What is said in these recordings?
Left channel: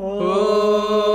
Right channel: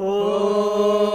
नमो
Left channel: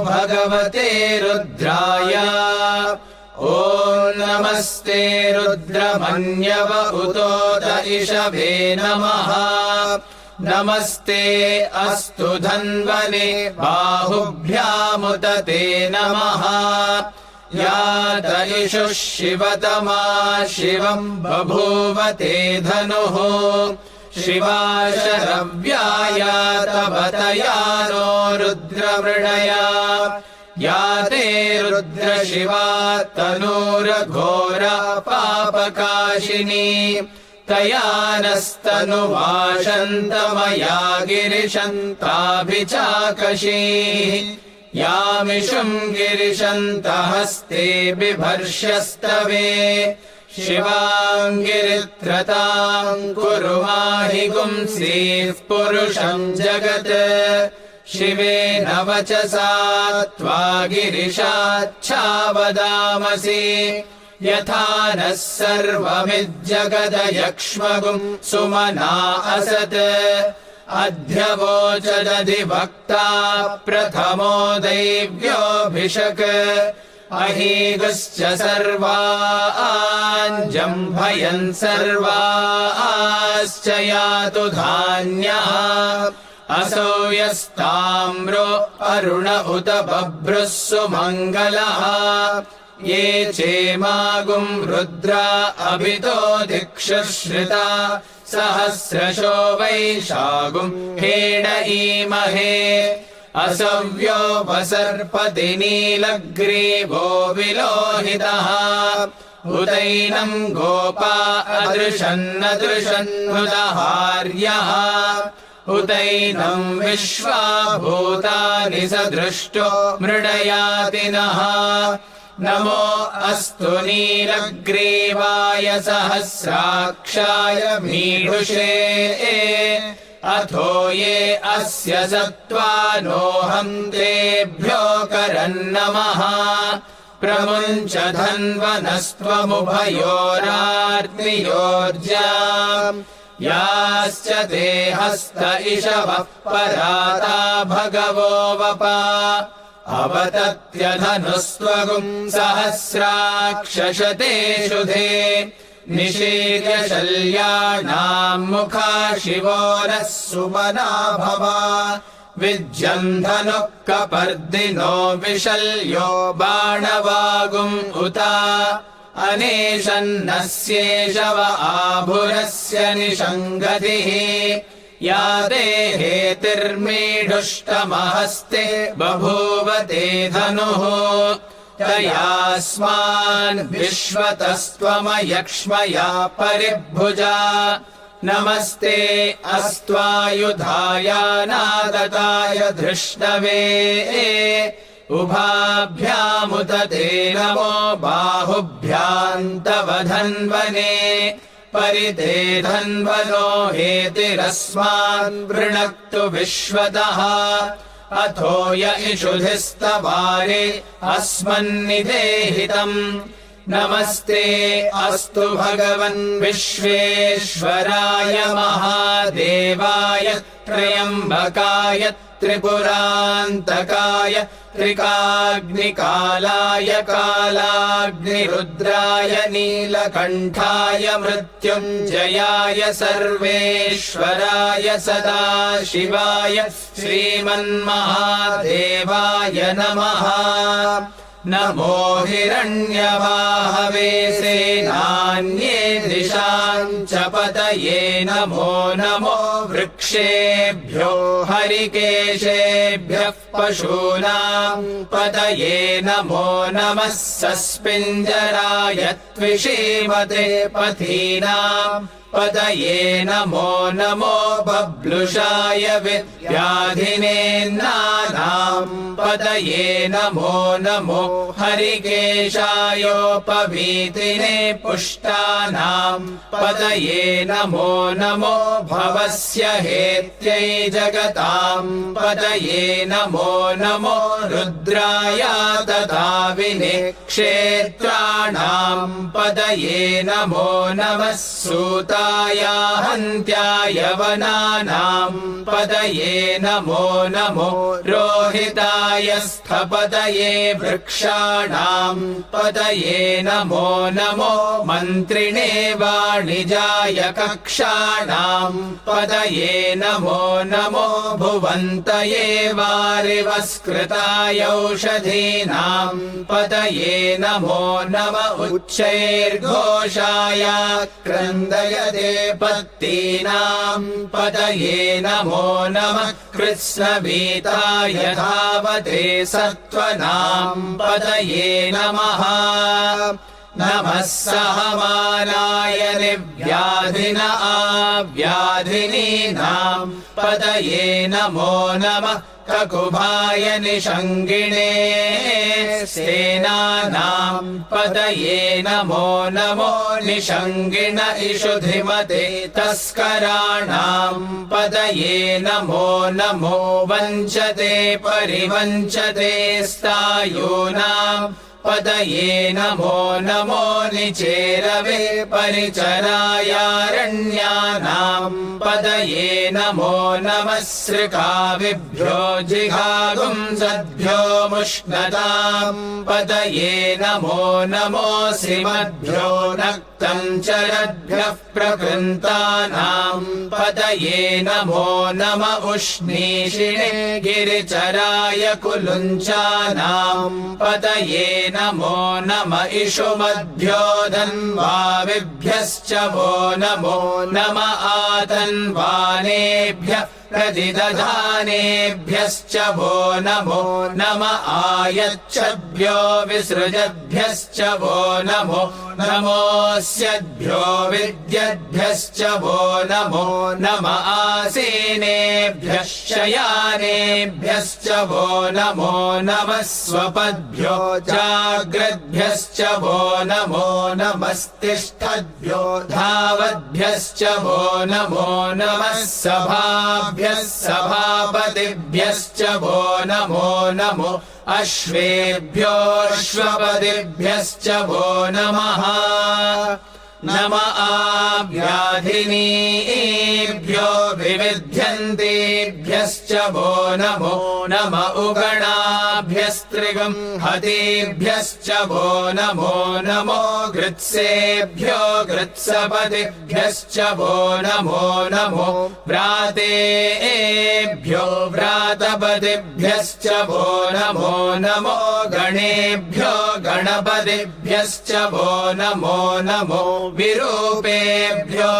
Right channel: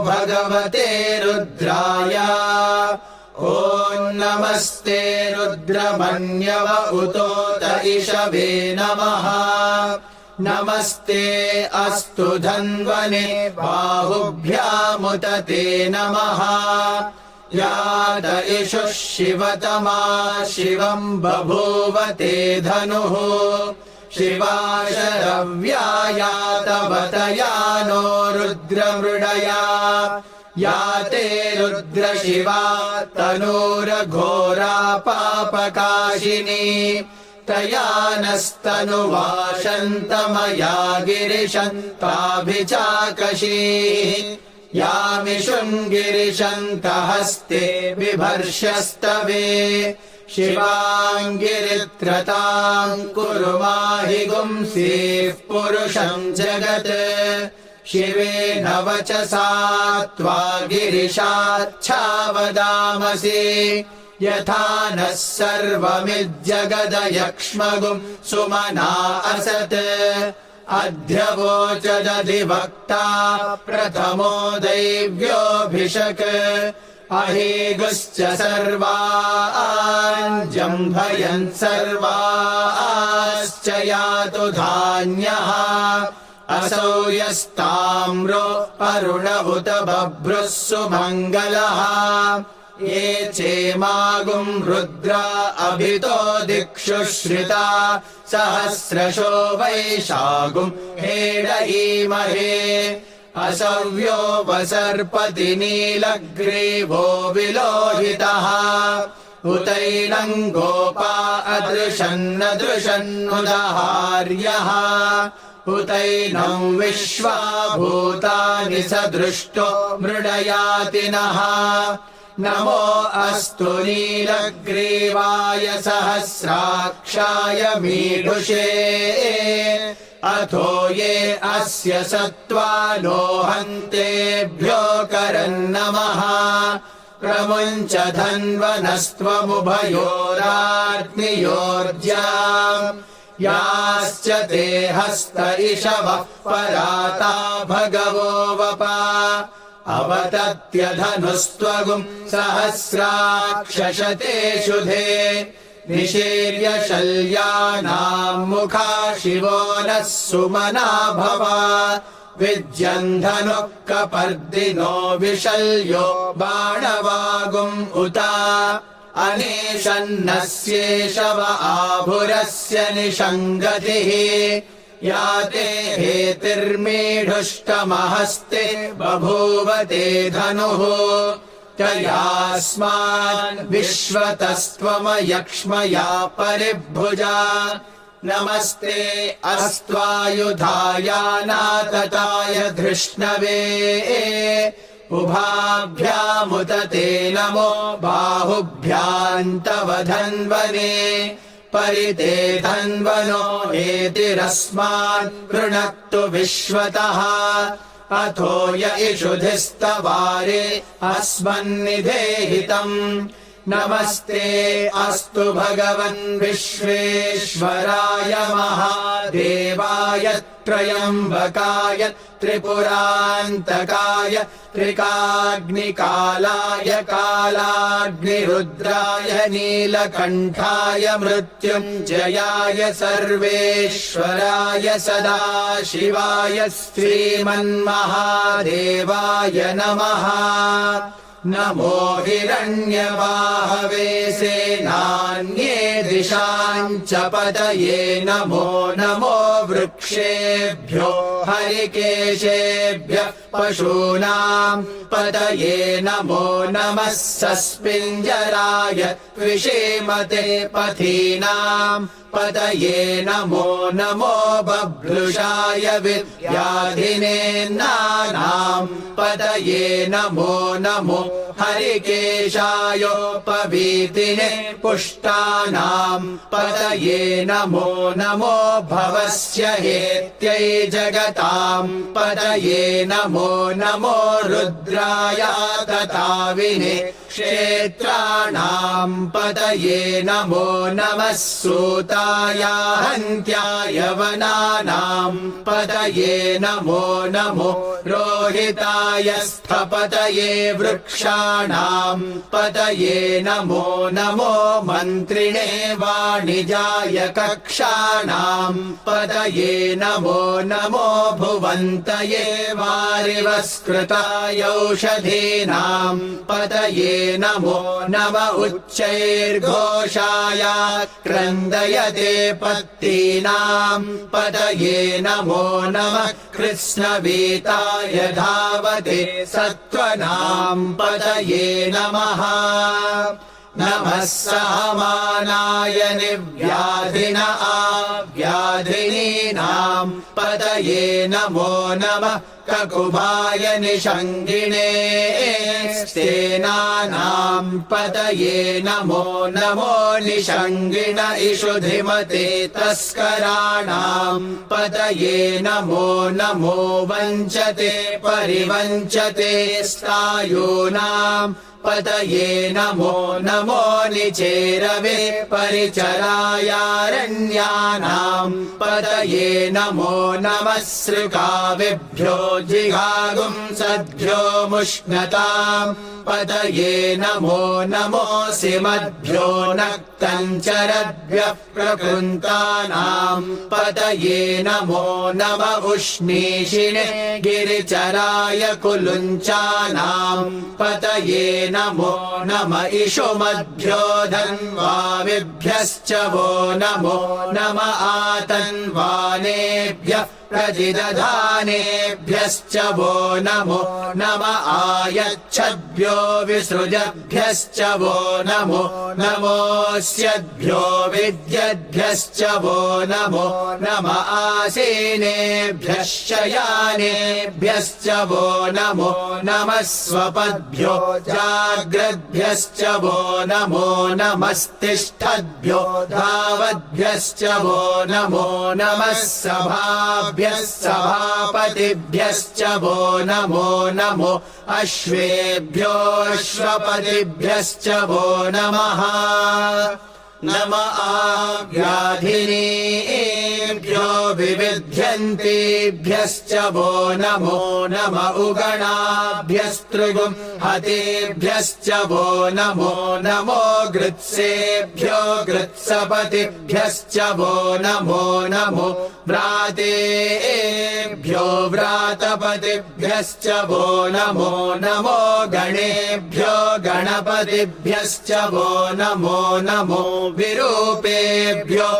भगवते रुद्राय। ॐ नमस्ते रुद्रमन्यव उतोत इषभे नमः। नमस्ते अस्तु धन्वने बाहुभ्यामुत ते नमः। यात इषुः शिवतमा शिवम् बभूव ते धनुः। शिवा शरव्याया तवतया नो रुद्रमृडया। या ते रुद्रशिवा तनूरघोरा पापकाशिनी। तया नस्तनुवाशन्तमया गिरिशन्ताभिचाकशीः। यामिषुम् गिरिशन्तहस्ते बिभर्ष्यस्तवे। शिवाङ्गिरित्रताम् कुरु माहि गुंसीः पुरुषम् जगत्। शिवेन वचसा त्वा गिरिशाच्छावदामसि। यथा नः सर्वमिज्जगदयक्ष्मगुम् सुमना असत्। अध्यवोचदधिवक्ता प्रथमो दैव्योऽभिषक्। अहीगुश्च सर्वान् जम्भयन् सर्वाश्च यातु धान्यः। असौ यस्ताम्रो अरुण उत बभ्रुः सुमङ्गलः। ये चेमागुम् रुद्रा अभितो दिक्षु श्रिता। सहस्रशो वैशागुम् हेड ईमहे। असव्योपसर्पति नीलग्रीवो विलोहितः। उतैनम् गोपा अदृशन्नदृशन्नुदहार्यः। उतैनम् विश्वा भूतानि सदृष्टो मृडयातिनः। नमो अस्तु नीलग्रीवाय सहस्राक्षाय मीढुषे। अथो ये अस्य सत्त्वानो हन्तेभ्यो करन्नमः। प्रमुञ्च धन्वनस्त्वमुभयोराग्नियोज्याम्। याश्च ते हस्त इषवः पराता भगवो वपा। अवतत्यधनुस्त्वगुम् सहस्राक्षशते शुधे। निशीर्य शल्यानाम् मुखा शिवो नः सुमना भवा। विज्यम् धनुः कपर्दिनो विशल्यो बाणवागुम् उता। अनेशन्नस्येषव आभुरस्य निषङ्गतिः। या देहेतिर्मीढुष्टमहस्ते बभूव ते धनुः। तयास्मान् विश्वतस्त्वमयक्ष्मया परिभुजा। नमस्ते अस्त्वायुधाय नादताय धृष्णवे। उभाभ्यामुत ते नमो बाहुभ्याम् तव धन्वने। परिते धन्वनो हेतिरस्मान् वृणक्तु विश्वतः। अथो य इषुधिस्तवारे अस्मन्निधेहितम्। नमस्ते अस्तु भगवन् विश्वेश्वराय महादेवाय त्र्यम्बकाय त्रिपुरान्तकाय त्रिकाग्निकालाय कालाग्निरुद्राय नीलकण्ठाय मृत्युञ्जयाय सर्वेश्वराय सदाशिवाय श्रीमन्महादेवाय नमः। नमो हिरण्यवाहवे सेनान्ये दिशाम् च पतये। नमो नमो वृक्षेभ्यो हरिकेशेभ्यः पशूनाम् पतये। नमो नमः सस्पिञ्जराय त्विषीमते पथीनाम् पतये। नमो नमो बभ्लुषाय विद्याधिनेन्नानाम् पतये। नमो नमो हरिकेशायोपवीतिने पुष्टानाम् पतये। नमो नमो भवस्य हेत्यै जगताम् पतये। नमो नमो रुद्राय तथा विने क्षेत्राणाम् पतये नमो नमः सूतायाहन्त्याय वनानाम् पतये नमो नमो रोहिताय स्थपतये वृक्षाणाम् पतये नमो नमो मन्त्रिणे वाणिजाय कक्षाणाम् पतये नमो नमो भुवन्तये वारिवस्कृताय औषधीनाम् पतये नमो नम उच्चैर्घोषाय क्रन्दयते पत्तीनाम् पतये नमो नमः कृष्णवीताय धावते सत्त्वनाम् पतये नमः नमः सहमानाय निव्याधिन आव्याधिनीनाम् पतये नमो नमः ककुभाय निषङ्गिणे सेनानाम् पतये नमो नमो निषङ्गिण इषुधिमते तस्कराणाम् पतये नमो नमो वञ्चते परिवञ्चते स्तायूनाम् पतये नमो नमो निचेरवे परिचरायारण्यानाम् पतये नमो नमः सृकाविभ्यो जिघागुंसद्भ्यो मुष्णताम् पतये नमो नमोऽसिमद्भ्यो नक्तञ्चरद्भ्यः प्रकृन्तानाम् पतये नमो नम उष्णीषिणे गिरिचराय कुलुञ्चानाम् पतये नमो नम इषुमद्भ्यो धन्वाविभ्यश्च वो नमो नम आतन्वानेभ्यः प्रतिदधानेभ्यश्च वो नमो नम आयच्छद्भ्यो विसृजद्भ्यश्च वो नमो नमोऽस्यद्भ्यो विद्यद्भ्यश्च वो नमो नम आसीनेभ्यः शयानेभ्यश्च वो नमो नमः स्वपद्भ्यो जाग्रद्भ्यश्च वो नमो नमस्तिष्ठद्भ्यो धावद्भ्यश्च वो नमो नमः सभाभ्यः सभापतिभ्यश्च वो नमो नमो अश्वेभ्योऽश्वपतिभ्यश्च वो नमः नम आव्याधिनीभ्यो विविध्यन्तेभ्यश्च वो नमो नम उगणाभ्यस्त्रिगुम् हतेभ्यश्च वो नमो नमो गृत्सेभ्यो गृत्सपतिभ्यश्च वो नमो नमो व्रातेभ्यो व्रातपतिभ्यश्च वो नमो नमो गणेभ्यो गणपतिभ्यश्च वो नमो नमो विरूपेभ्यो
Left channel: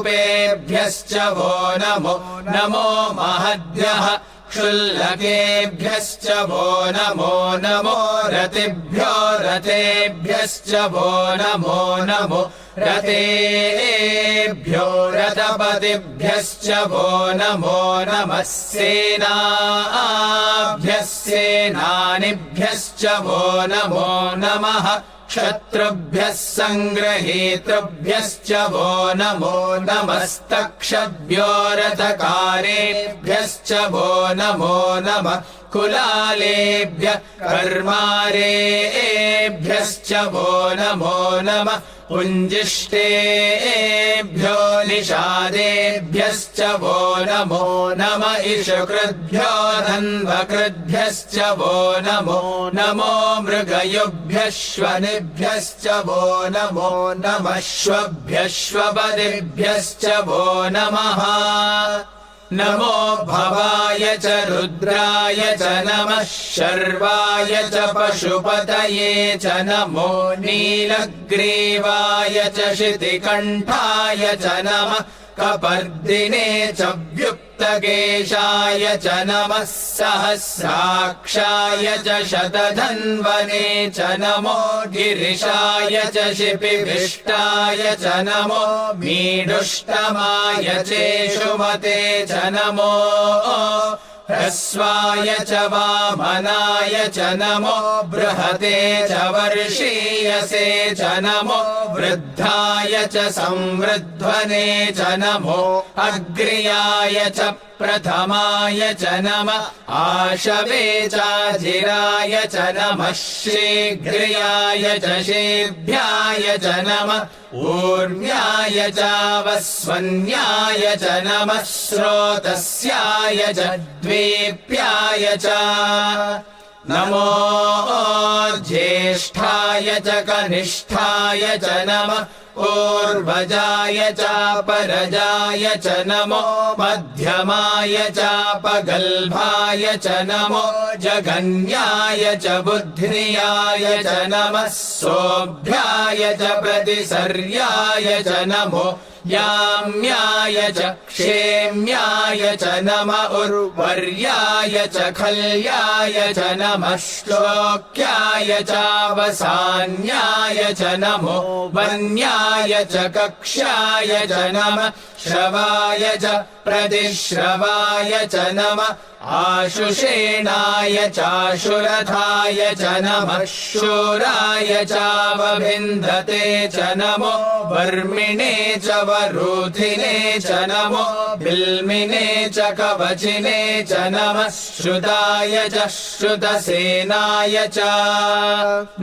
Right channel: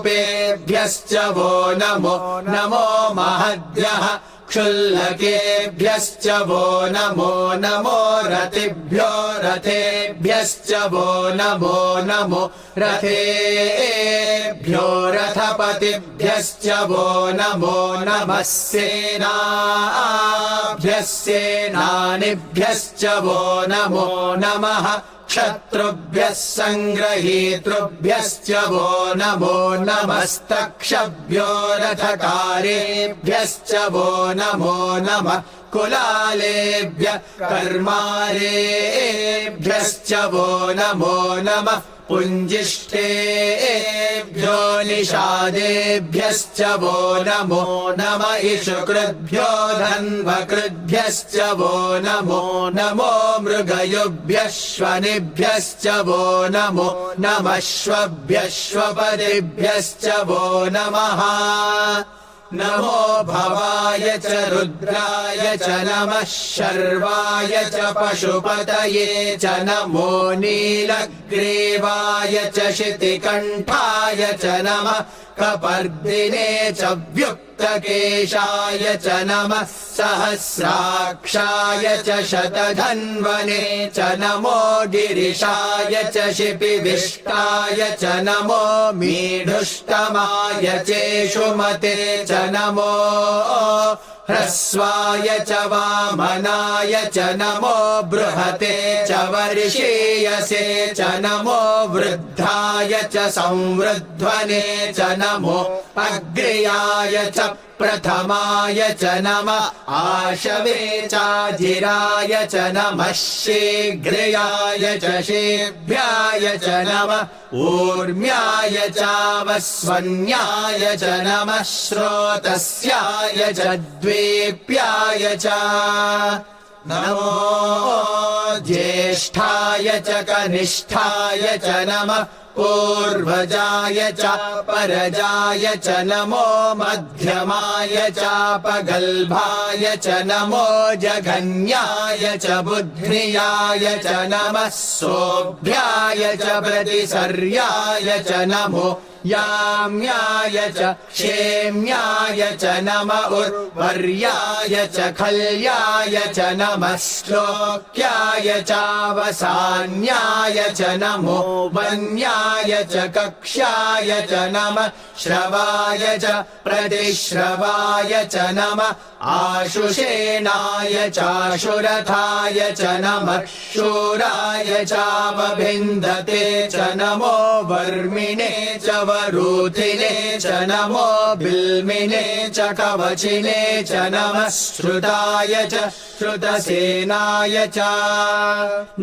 विश्वरूपेभ्यश्च वो नमो नमो महद्भ्यः क्षुल्लकेभ्यश्च वो नमो नमो रतिभ्यो रथेभ्यश्च वो नमो नमो रथेभ्यो रथपतिभ्यश्च वो नमो नमः सेनाभ्यः सेनानिभ्यश्च वो नमो नमः क्षत्रुभ्यः सङ्ग्रहीतृभ्यश्च वो नमो नमस्तक्षभ्यो रथकारेभ्यश्च वो नमो नमः कुलालेभ्यः कर्मारेभ्यश्च वो नमो नमः पुञ्जिष्ठेभ्यो निषादेभ्यश्च वो नमो नम इषुकृद्भ्यो धन्वकृद्भ्यश्च वो नमो नमो मृगयुभ्यश्वनिभ्यश्च वो नमो नमश्वभ्यश्वपरिभ्यश्च वो नमः नमो भवाय च रुद्राय च नमः शर्वाय च पशुपतये च नमो नीलग्रीवाय च शितिकण्ठाय च नमः कपर्दिने च व्युक्तकेशाय च नमः सहस्राक्षाय च शतधन्वने च नमो गिरिशाय च शिपिविष्टाय च नमो मीढुष्टमाय चेषुमते च नमो ह्रस्वाय च वामनाय च नमो बृहते च वर्षीयसे च नमो वृद्धाय च संवृध्वने च नमो अग्र्याय च प्रथमाय च नमः आशवे चाजिराय च नमः शीघ्र्याय च शीघ्राय च नमः ऊर्म्याय चावस्वन्याय च नमः स्रोतस्याय च द्वीप्याय च नमो ज्येष्ठाय च कनिष्ठाय च नमः पूर्वजाय चापरजाय च नमो मध्यमाय चापगल्भाय च नमो जघन्याय च बुद्ध्याय च नमः सोऽभ्याय च प्रतिसर्याय च नमो याम्याय च क्षेम्याय च नम उर्वर्याय च खल्याय च नमः श्लोक्याय चावसान्याय च नमो वन्याय च कक्ष्याय च नमः श्रवाय च प्रतिश्रवाय च नमः आशुषेणाय चाशुरथाय च नमः शूराय चावभिन्दते च नमो वर्मिणे च वरूथिने च नमो बिल्मिने च कवचिने च नमः श्रुताय च श्रुतसेनाय च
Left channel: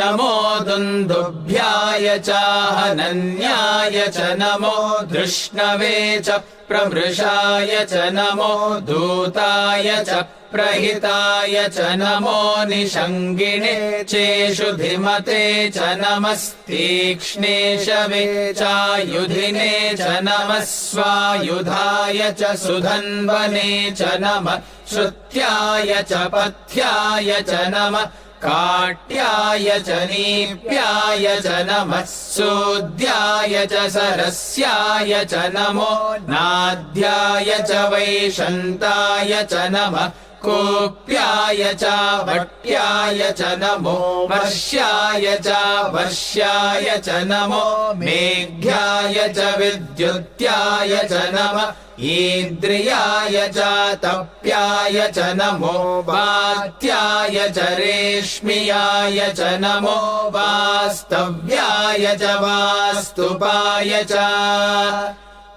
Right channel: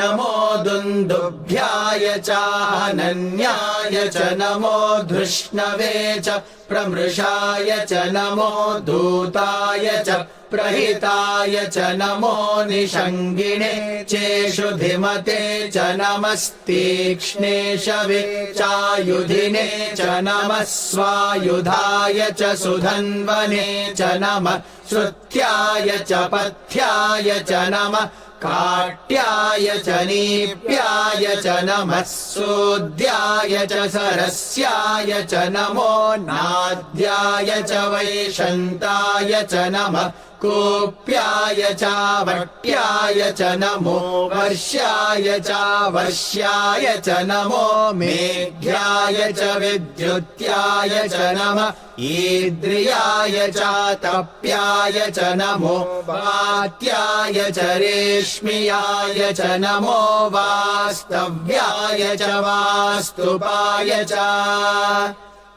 नमो दुन्दुभ्याय चाहनन्याय च नमो धृष्णवे च प्रमृषाय च नमो दूताय च प्रहिताय च नमो निषङ्गिणे चेषुधिमते च नमस्तीक्ष्णे शवे चायुधिने च नमः स्वायुधाय च सुधन्वने च नमः श्रुत्याय च पथ्याय च नमः काट्याय च नीप्याय च नमः सूद्याय च सरस्याय च नमो नाद्याय च वैशन्ताय च नमः कूप्याय चावट्याय च नमो वर्ष्याय चावर्ष्याय च नमो मेघ्याय च विद्युत्याय च नमः ईद्रियाय चातप्याय च नमो वात्याय च रेश्मियाय च नमो वास्तव्याय च वास्तुपाय च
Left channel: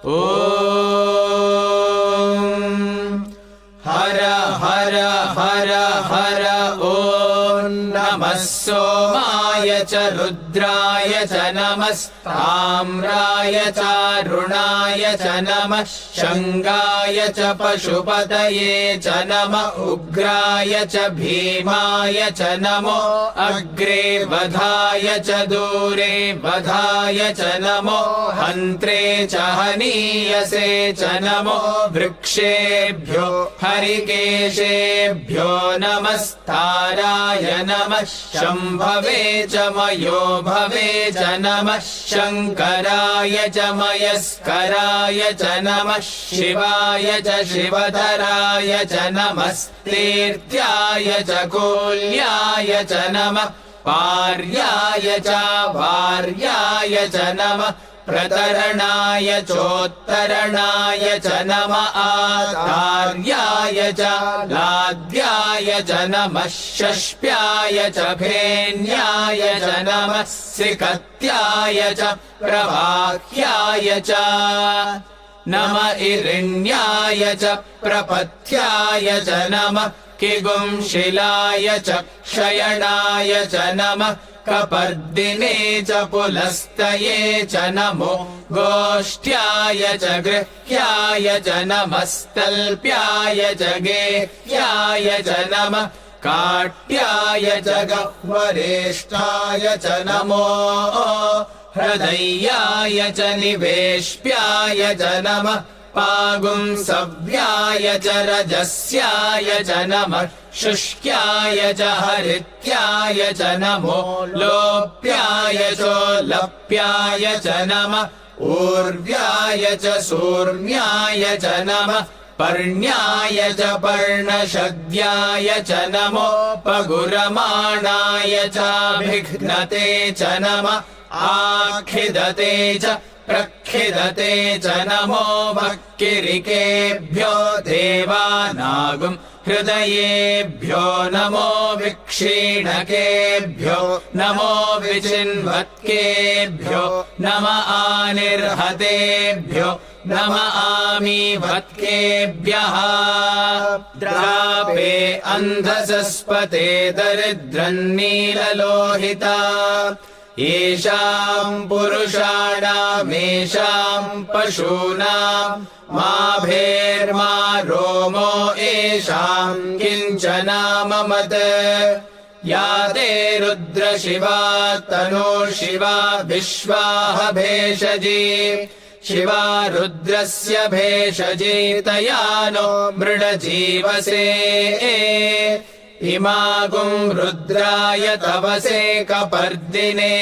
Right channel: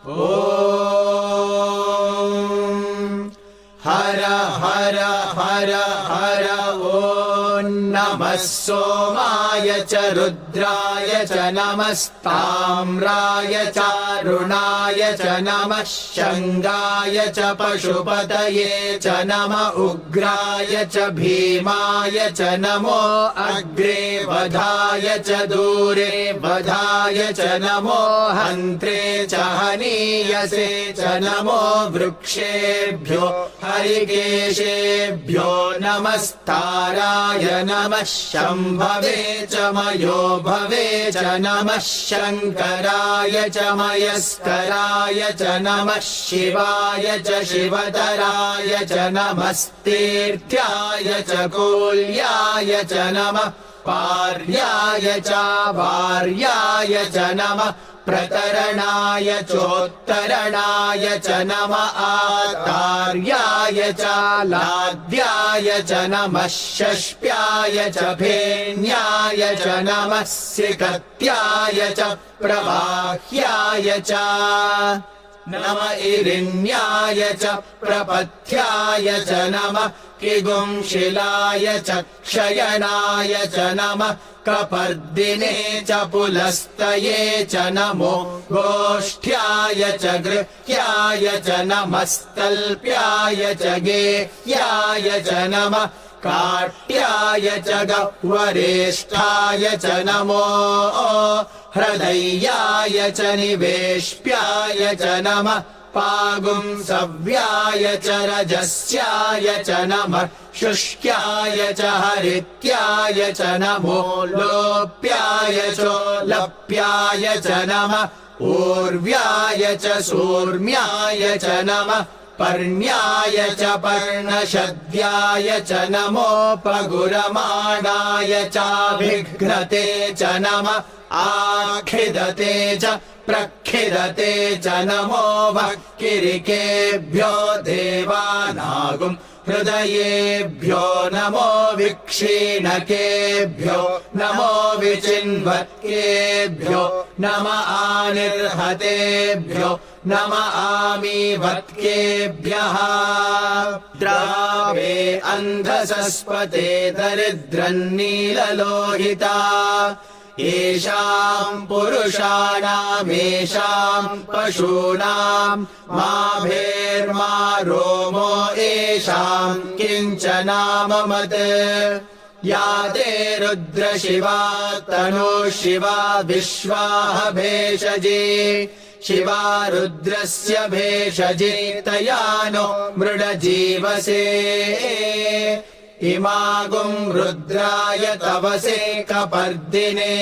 ॐ हर हर हर हर ॐ नमः सोमाय च रुद्राय च नमस्ताम्राय चारुणाय च नमः शङ्गाय च पशुपतये च नम उग्राय च भीमाय च नमो अग्रे वधाय च दूरे वधाय च नमो हन्त्रे च हनीयसे च नमो वृक्षेभ्यो हरिकेशेभ्यो नमस्ताराय नमः शम्भवे च मयो भवे च नमः शङ्कराय च मयस्कराय च नमः शिवाय च शिवतराय च नमस्तीर्थ्याय च कूल्याय च नमः पार्याय च वार्याय च नमः प्रतरणाय चोत्तरणाय च नम आतार्याय च लाद्याय च नमः षष्प्याय च भेन्याय च नमः सिकत्याय च प्रवाह्याय च नम इरिण्याय च प्रपथ्याय च नमः किगुंशिलाय च क्षयणाय च नमः कपर्दिने च पुलस्तये च नमो गोष्ठ्याय च गृह्याय च नमस्तल्प्याय च गेह्याय च नमः काट्याय च गह्वरेष्ठाय च नमो हृदयाय च निवेश्प्याय च नमः पागुंसव्याय च रजस्याय च नमः शुष्क्याय च हरित्याय च नमो लोप्याय चोलप्याय च नमः ऊर्व्याय च सूर्म्याय च नमः पर्ण्याय च पर्णशद्याय च नमो पगुरमाणाय चाभिघ्नते च नमः आखिदते च प्रखिदते च नमो वक्किरिकेभ्यो देवानागुम् हृदयेभ्यो नमो विक्षीणकेभ्यो नमो विचिन्वत्केभ्यो नम आनिर्हतेभ्यो नम आमीभत्केभ्यः द्रापे अन्धसस्पते दरिद्रन्नीललोहिता येषाम् पुरुषाणामेषाम् पशूनाम् मा भेर्मा रोमो येषाम् किञ्चनाममत् या ते रुद्रशिवा तनुशिवा विश्वाः भेषजी शिवा रुद्रस्य भेषजी तया नो मृडजीवसे इमागुम् रुद्राय तवसे कपर्दिने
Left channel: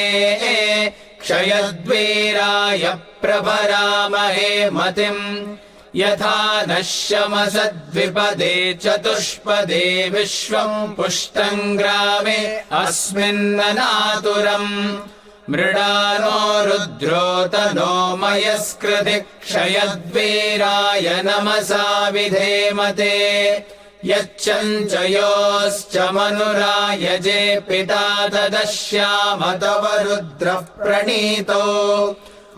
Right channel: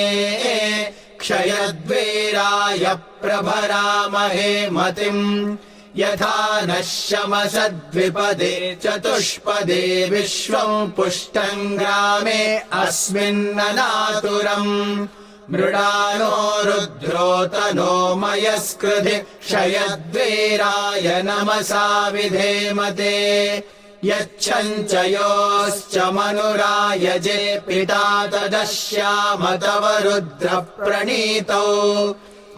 क्षयद्वीराय प्रभरामहे मतिम् यथा नः शमसद्विपदे चतुष्पदे विश्वम् पुष्टम् ग्रामे अस्मिन्ननातुरम् मृडानो रुद्रोतनो मयस्कृति क्षयद्वीराय नमसा विधेमते यच्चञ्चयोश्च मनुरायजे पिता तदश्याम तव रुद्रः प्रणीतो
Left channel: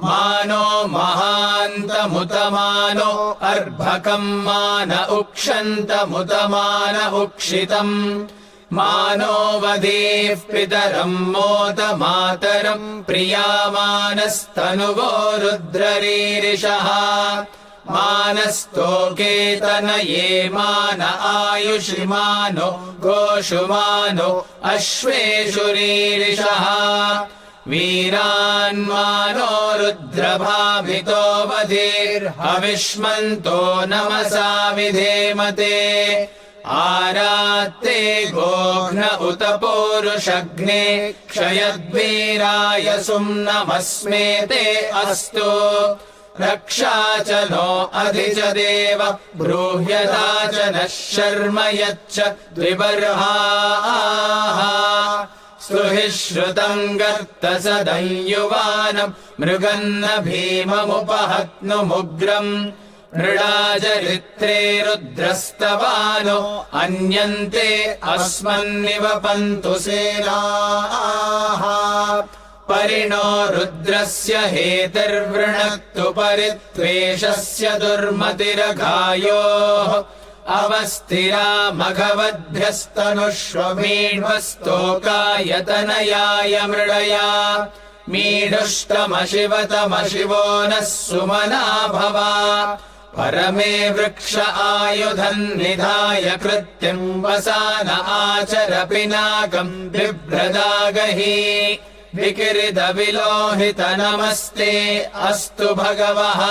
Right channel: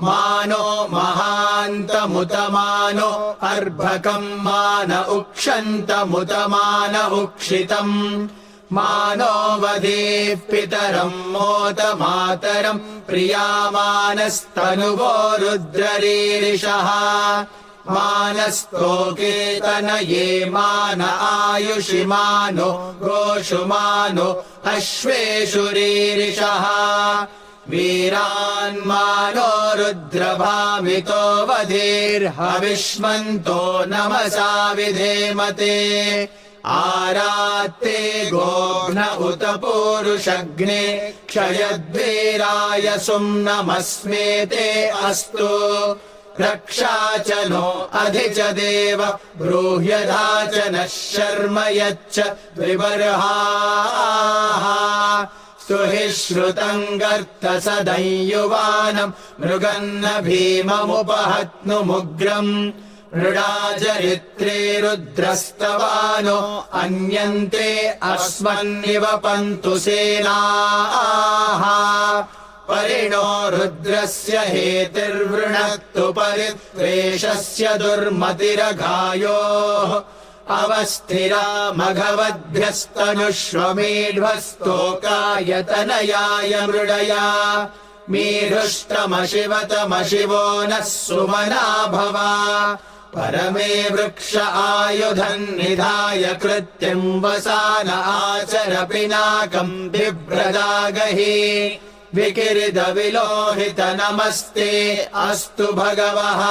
मानो महान्तमुतमानो अर्भकम् मान उक्षन्तमुतमान उक्षितम् मानो वदेः पितरम् मोद मातरम् प्रियामानस्तनुवो रुद्ररीरिषः मानस्तोकेतनये मान आयुषि मानो गोषु मानो अश्वेषु रीरिषः वीरान्मानो रुद्रभामितो वधीर्हविष्मन्तो नमसा विधेमते आरात्ते गोघ्न उत पूरुषग्ने क्षयद्वीराय सुम्नमस्मेते अस्तु रक्षा च नो अधि च देव ब्रूह्यधा च नः शर्म यच्च द्विबर्हाः सुहिश्रुतम् गर्तसदयुवानम् मृगन्न भीममुपहत्नुमुग्रम् मृडाचरित्रे रुद्रस्तवानो अन्यन्ते अस्मन्निवपन्तु सेनाः परिणो रुद्रस्य हेतिर्वृणक्तु परित्वेषस्य दुर्मतिरघायोः अवस्थिरा मघवद्भ्यस्तनुष्वमीढ्वस्तोकायतनयाय मृडया मीढुष्टमशिवतमशिवो नः सुमना भव परमे वृक्ष आयुधम् निधाय कृत्तिम् वसान आचर पिनाकम् बिभ्रदागहि विकिरित विलोहित नमस्ते अस्तु भगवः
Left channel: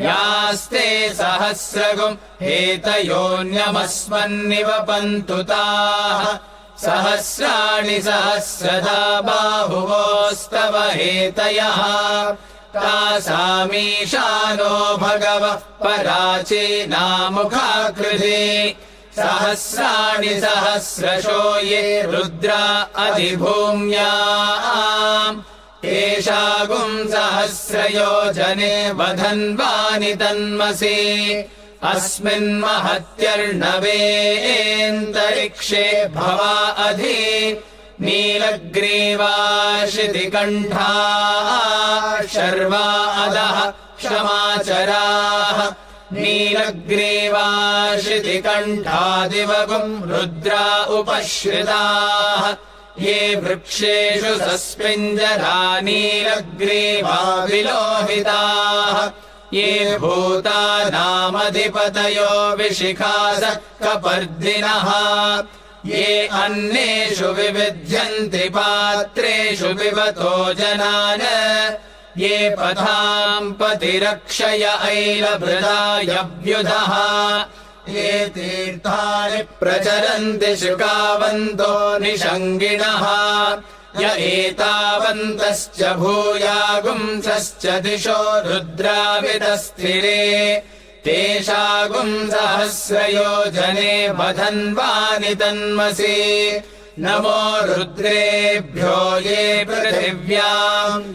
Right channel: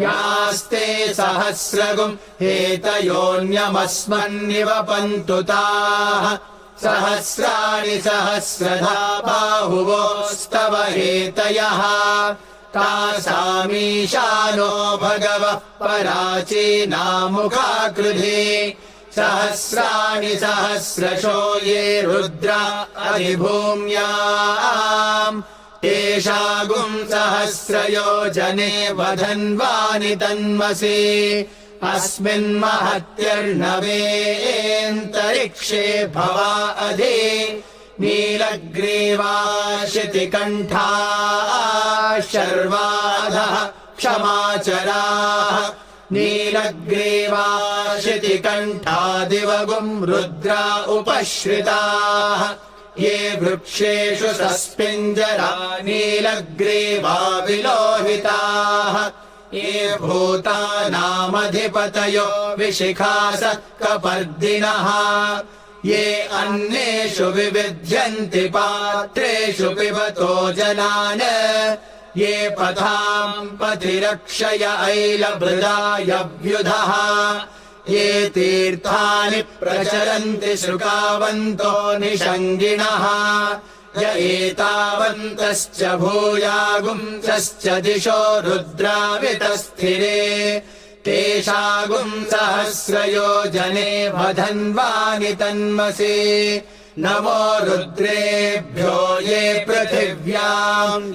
यास्ते सहस्रगुम् हेतयोऽन्यमस्मन्निवपन्तु ताः सहस्राणि सहस्रधा बाहुवोस्तव हेतयः तासामीशानो भगवः पराचीनामुखाकृधि सहस्राणि सहस्रशो ये रुद्रा अधिभूम्याम् तेषागुम् सहस्रयोजने वधन्वानि तन्मसि अस्मिन्महत्यर्णवेऽन्तरिक्षे भवा अधि नीलग्रीवाशितिकण्ठाः शर्वादः क्षमाचराः नीलग्रीवाशितिकण्ठादिवगुम् रुद्रा उपश्रिताः ये वृक्षेषु सस्पिञ्जरा नीलग्रीवा विलोहिताः ये भूतानामधिपतयो विशिखास कपर्दिनः ये अन्नेषु विविध्यन्ति पात्रेषु पिबतो जनान् ये पथाम् पतिरक्षय ऐलभृदायव्युधः ये तीर्थानि प्रचरन्ति शुकावन्तो निषङ्गिणः य एतावन्तश्च भूयागुंसश्च दिशो रुद्रावितस्थिरे तेषागुम् सहस्रयोजने वधन्वानि तन्मसि नमो रुद्रेभ्यो ये पृथिव्याम्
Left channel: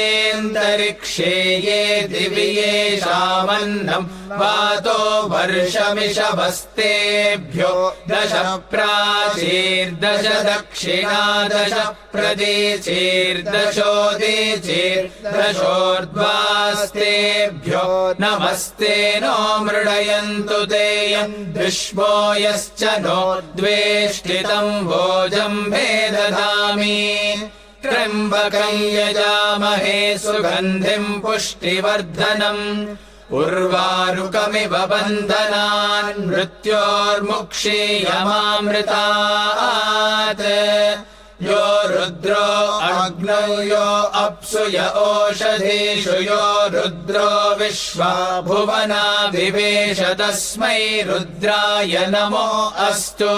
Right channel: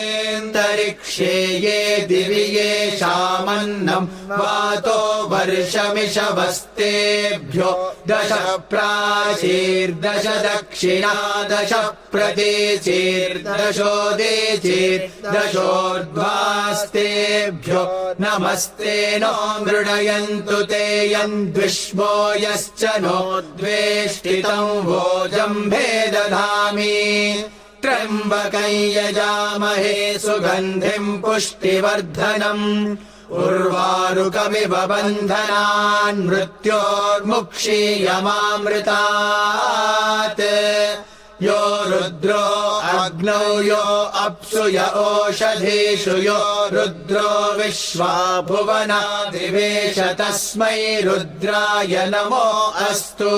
येऽन्तरिक्षे ये दिवि येषामन्नम् वातो वर्षमिषवस्तेभ्यो 10 प्राचीर्दश दक्षिणा 10 प्रतीचीर्दशोदीचीर्दशोर्ध्वास्तेभ्यो नमस्ते नो मृडयन्तु ते यम् द्विष्मो यश्च नो द्वेष्टितम् भोजम्भे दधामि त्र्यम्बकम् यजामहे सुगन्धिम् पुष्टिवर्धनम् उर्वारुकमिव बन्धनान् मृत्योर्मुक्षीयमामृतात् यो रुद्रो अग्नौ यो अप्सु य ओषधीषु यो रुद्रो विश्वा भुवनाभिवेश तस्मै रुद्राय नमो अस्तु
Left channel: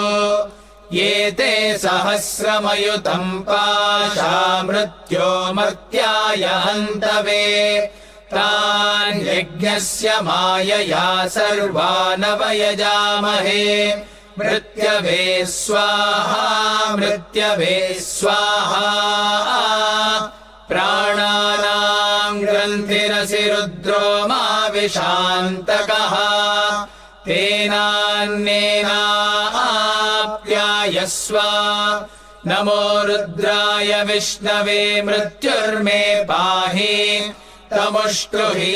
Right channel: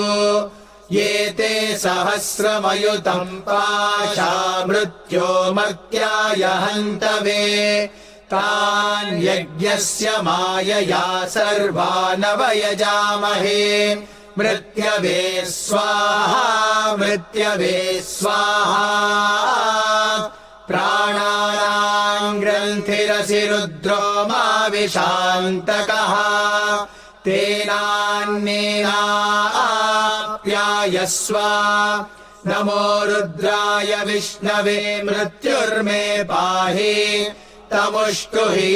ये ते सहस्रमयुतम् पाशा मृत्यो मर्त्याय हन्तवे तान् यज्ञस्य मायया सर्वानवयजामहे मृत्यवे स्वाहा मृत्यवे स्वाहा प्राणानाम् ग्रन्थिरसि रुद्रो मा विशान्तकः तेनान्येनाप्यायस्व नमो रुद्राय विष्णवे मृत्युर्मे पाहि तमुष्टुहि